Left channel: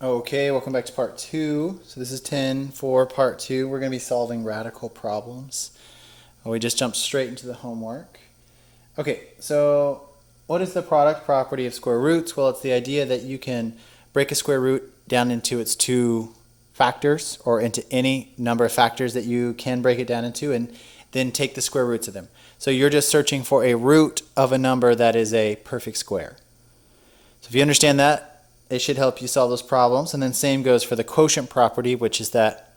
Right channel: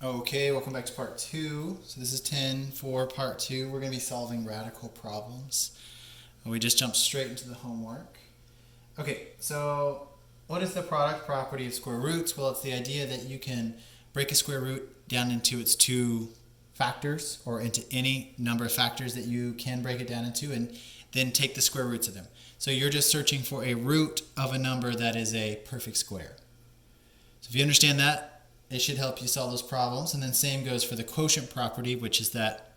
Okay, welcome back to part two. So this is 10 for part two. We're going to be solving radical problems. We just jumped straight into the homework. Okay, so what is the product property of square roots? Well, it's the idea that you can break a square root down into its two factors or into any number of factors that you can break it down into and then take the square roots of them. So you're just searching for a root of a number that is a perfect square. So if you understand that, it should help you solve those problems. And then same goes for the quotient property, which is that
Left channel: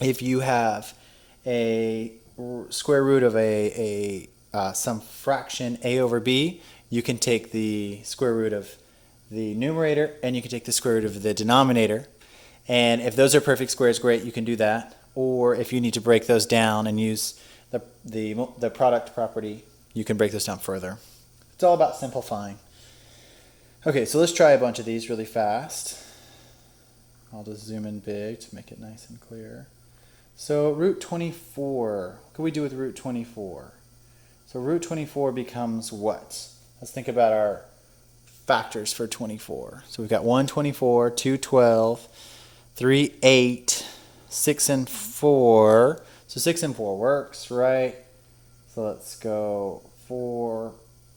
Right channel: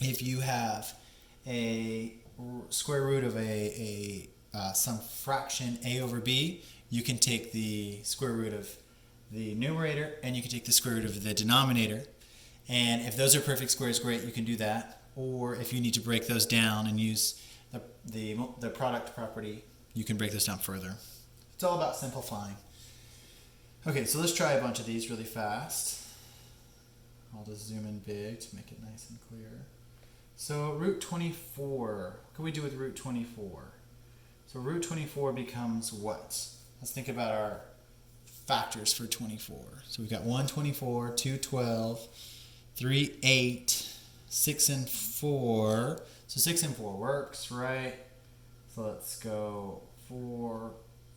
if you have a square root of some fraction a over b, you can take the square root of the numerator and you can take the square root of the denominator. And if those are perfect squares, great, you can do that. Or if you need to break those down and use the product property, you can break those down further. It's all about simplifying. Okay, so let's try a bunch of these really fast. I'll just zoom in big to make it nice and clear. So root 24, what can we do with root 24? So root 24 becomes what? Let's think about our factors for 24. So we've got 1, 24, 2, 12, 3, 8, 6, and 4. So 6 and 4 works, right? So let's go 4,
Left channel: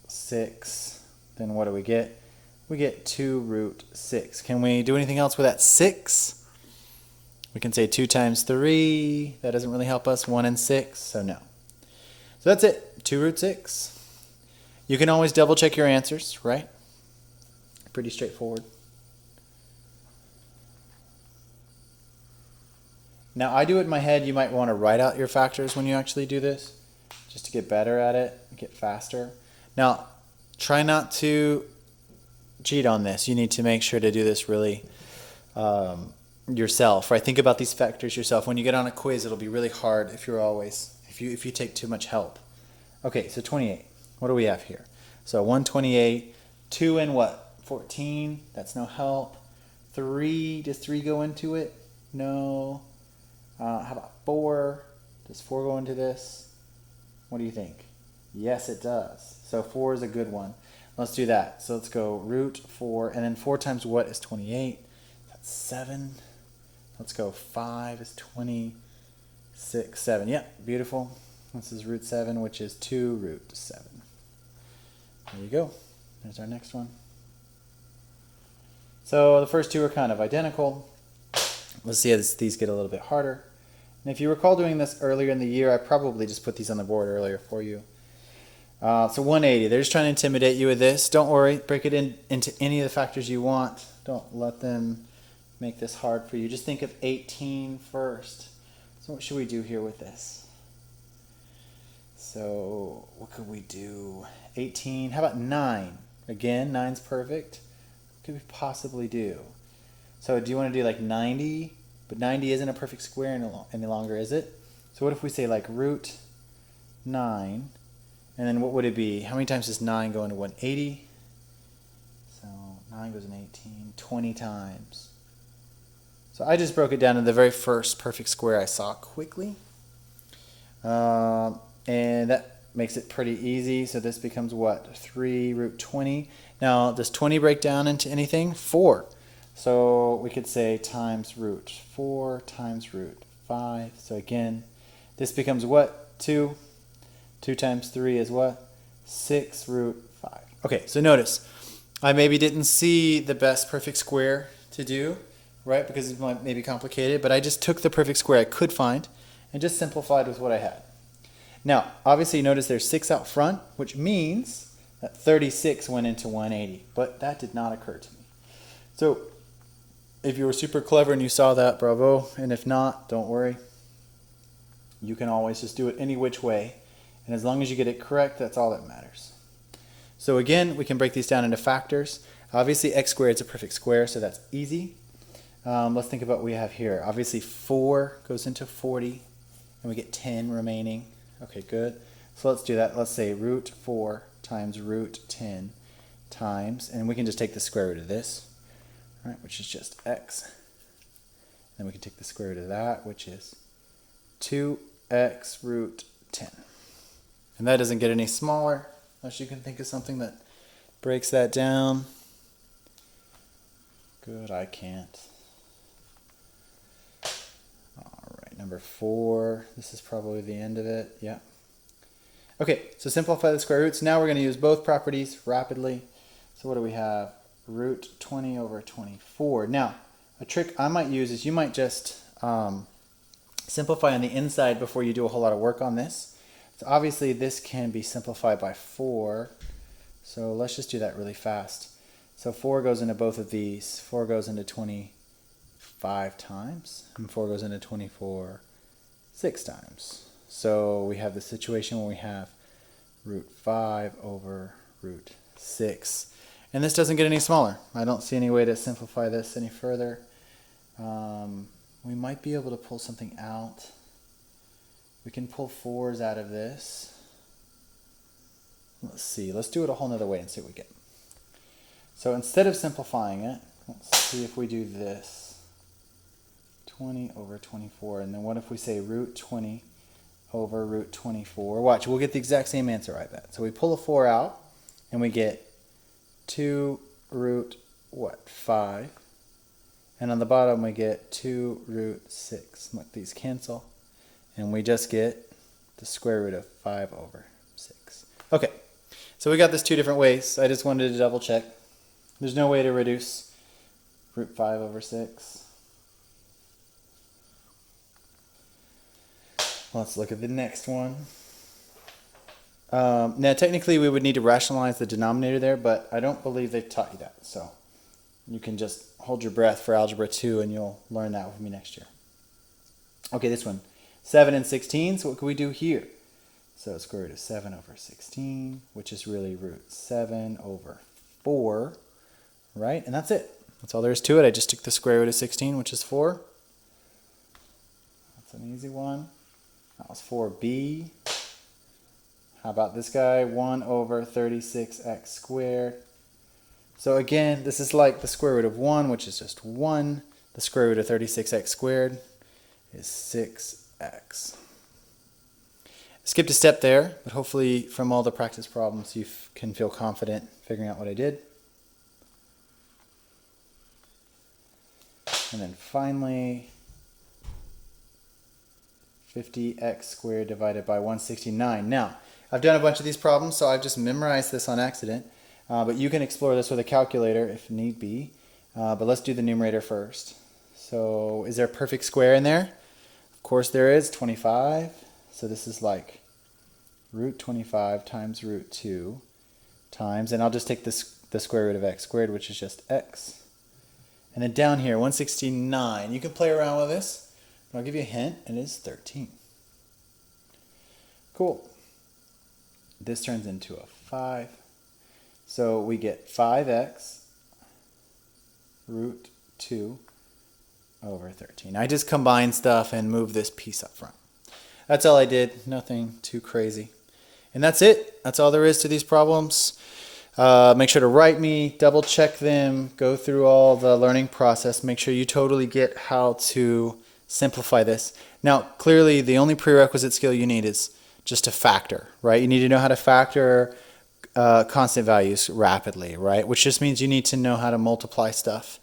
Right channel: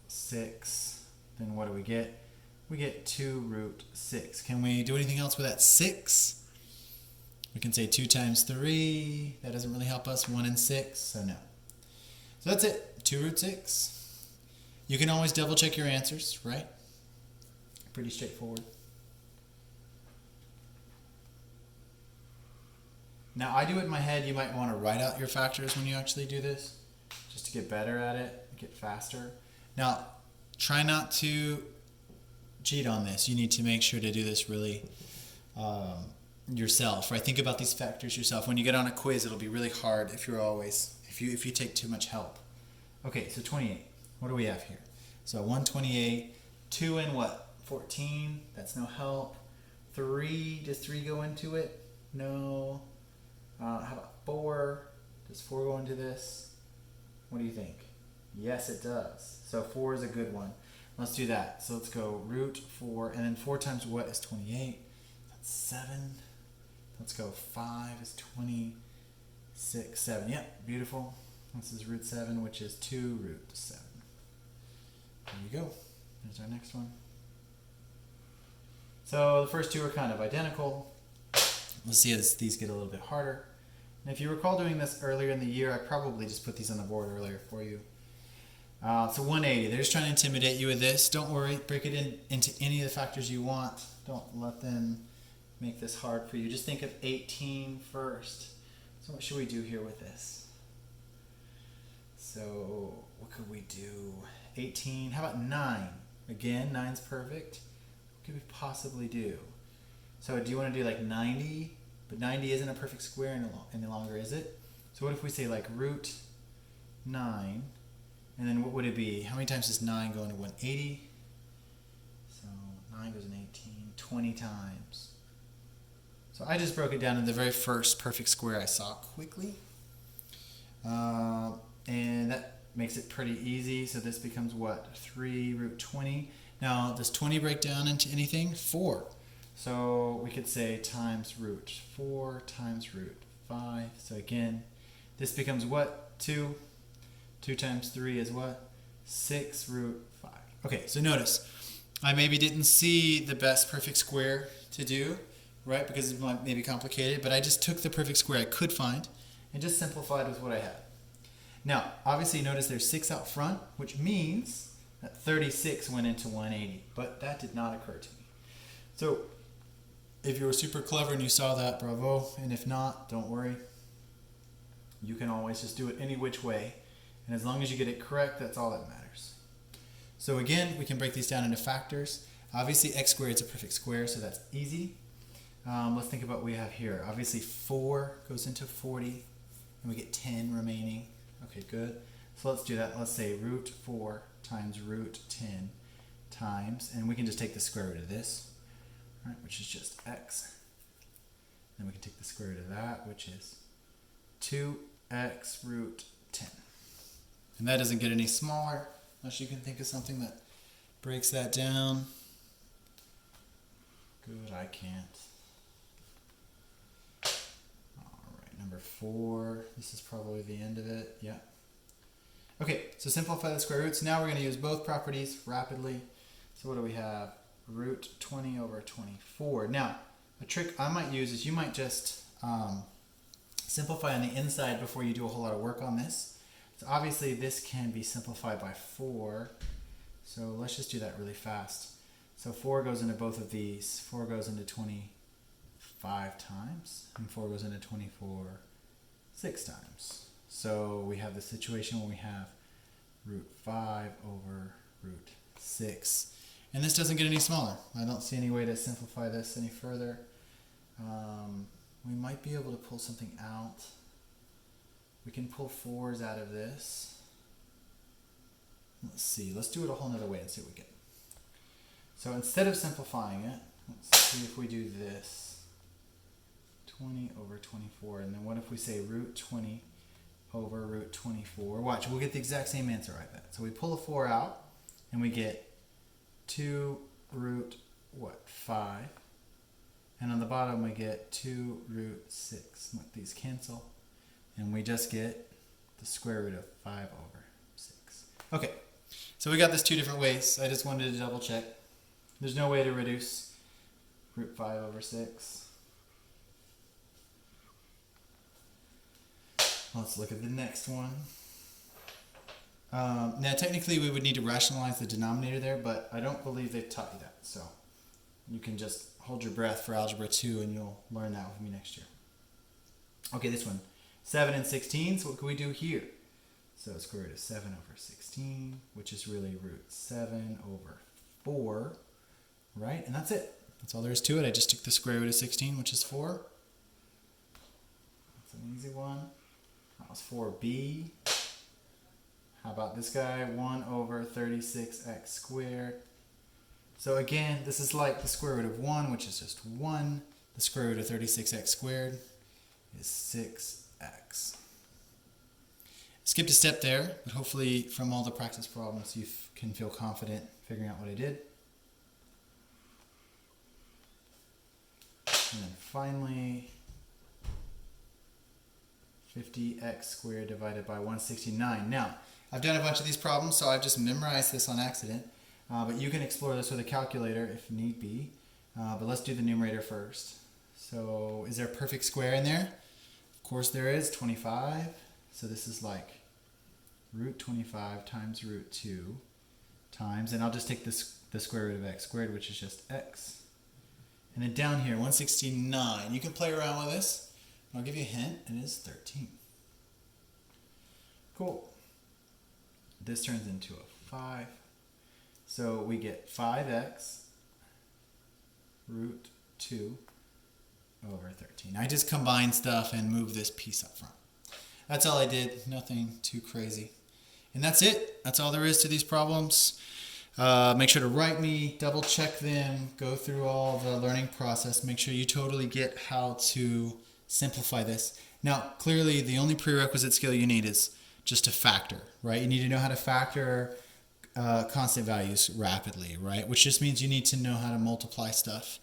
6, then what do we get? We get 2 root 6. Can we do anything else with that 6? We can say 2 times 3. That doesn't really help us. 1 and 6, so no. So that's it. 2 root 6. You can always double check your answers, right? Pretty straightforward. Now I do it in my head. You might want to write out your factors when you actually do this, just to get better at it, get faster. Now, try not to cheat on this. You need to make sure to do this really yourself, right? Think about these factors yourself. When you get on a quiz, it'll be really hard if you take too much help. Okay, so 28. What do we have here? So 128, 2 and what? 14. That's no help. 3, does 3 go into it? No. How about 4? Does 4 go into this? What do you think? Yes, it does. So 4 is a good one. Let's do that. So let's go root 4, and then 4 times what is 28? That's 7. Let's go 5 is 26, 7. Yep, beautiful. This is root 7, which is 2 root 7. There you go. There's our next one. So the first two are kind of identical. Let's see as these get a little bit harder. And if you recall doing this earlier in the year, I probably just put these on the board earlier for you. So 180, they're just trying to intimidate you with this. Don't worry, break it into any of the factors you want. Don't let them make this hard for you. Just think of 18 first. So what should we do here with this? So what could we do? 18, how about 9? Again, 9's perfect. What could we possibly do? So do you want to do like 90? But 90 isn't a perfect square any longer, is it? So what if we say like root 9? And then what would it be? How many times does 9 go into 180? So 9 goes in 18, 20 times. So I just broke it down to the very first perfect square I saw quickly. And that makes it pretty easy. So this becomes what? 3 root 20. Now, does 20 break down into anything? 4. So we could say times root 4 times root 5. So again, this becomes what? 2. 2 times 3 is what? 6 root 5. Okay, so notice, I maybe didn't see the best perfect square to do, right? Because it may be complicated, but I just took the perfect square I could find and just simplified with what I had. Now, obviously notice there's 6 out front, which means that 36 went into 180, but that did not occur to me. So if you were super clever and you saw that, bravo. And if not, don't worry. You can always just do it any which way. And as long as you get it correct, that's all that matters. So again, we can break these down into factors. Obviously, x squared is a perfect square, so that's easy. Let's think about what we have here. Obviously, 4 goes into 40, and we get 10 remaining. Okay, good. So let's do that. Let's say root 4 times root 10 times, and we can just take the square root of this, right, which is just x. Then we can take the square root of that, which is 2x root 10. And that doesn't get any smaller, unless you can think of something that breaks that down. Good, I can't. All right, number 4. This is probably the end of it. Yeah. Okay, so simplify the square roots. Now we're going to use both properties rapidly. So what do we have? Root 20 over 24. Now, a trick I might use is you might just simplify on the inside before you do a whole lot of work on this. So obviously this can be simplified by 4. So let's just do that really fast. So 4 goes into both of these. 4 goes into 25 times, and 4 goes into 24 6 times. So we have the situation where we have root 5 over root 6. And this doesn't get any smaller. I don't see any way to simplify this any further. We might be able to pull something out. We can pull 4s out of this. Let's see. Let's do it a whole nother way and see what we get. So instead of simplifying it, let's see if we do this. 20 over 24. And then what if we say root 20 over root 24? Watch, we'll get the exact same answer, I bet. So we pull a 4 out, and we get 2 root, 5? And on the bottom, we get 2 root 6. Let these cancel. And we just get the square root of 5 over 6. Okay, so we got this 2 different ways. I just wanted to double check. There's no way to reduce root 5 over 6. Let's look at the next one. Now, technically, we would need to rationalize the denominator there, but I don't believe they've taught you that. So you can just hold your breath for Algebra 2, and you'll learn that with me next year. Okay, this one. 7 and 16. So what can we do here? So square root of 7 over 16, which is really root 7 over 4, right? And that's it. That's all there is to it. I just took the square root of 16, which is 4. That's an easy one. That was 4b. How about this guy? 1 over 36x squared. So again, this is like the square root of 1, which is just 1. The square root of 36x squared is 6x. Skipped a step there, but hopefully from all the practice problems you can feel confident figuring out what I did. And then finally, 50x squared divided by 169. Now, I've done a bunch of these problems, so I've just memorized this on accident. But you can explore this with a calculator if need be. But let's do the numerator first. So is there a perfect square in there? Of course there is, 25. So this is like root 25 times root 2 times, and I'll just take the square root of x squared, which is just x. And then down here, 169. You can play around with this. I'll give you a hint. It is 13. Cool. This turns into a 5. So we get 5x root 2 over 13. I just combined stuff and moved this piece up front. That's all I did. Nothing too crazy. And that's it. That's all there is to these problems. Make sure to write me, double check them, go through all the learning process. Make sure you totally get how to simplify this. Now, clearly, the only prerequisite skill you need is just to factor, right? You need to know how to factor constant values rapidly, right? Which just means you need to know how to multiply stuff.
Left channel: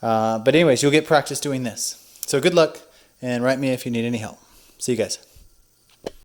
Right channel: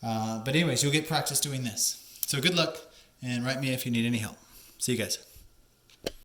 But anyways, you'll get practice doing this. So good luck, and write me if you need any help. See you guys.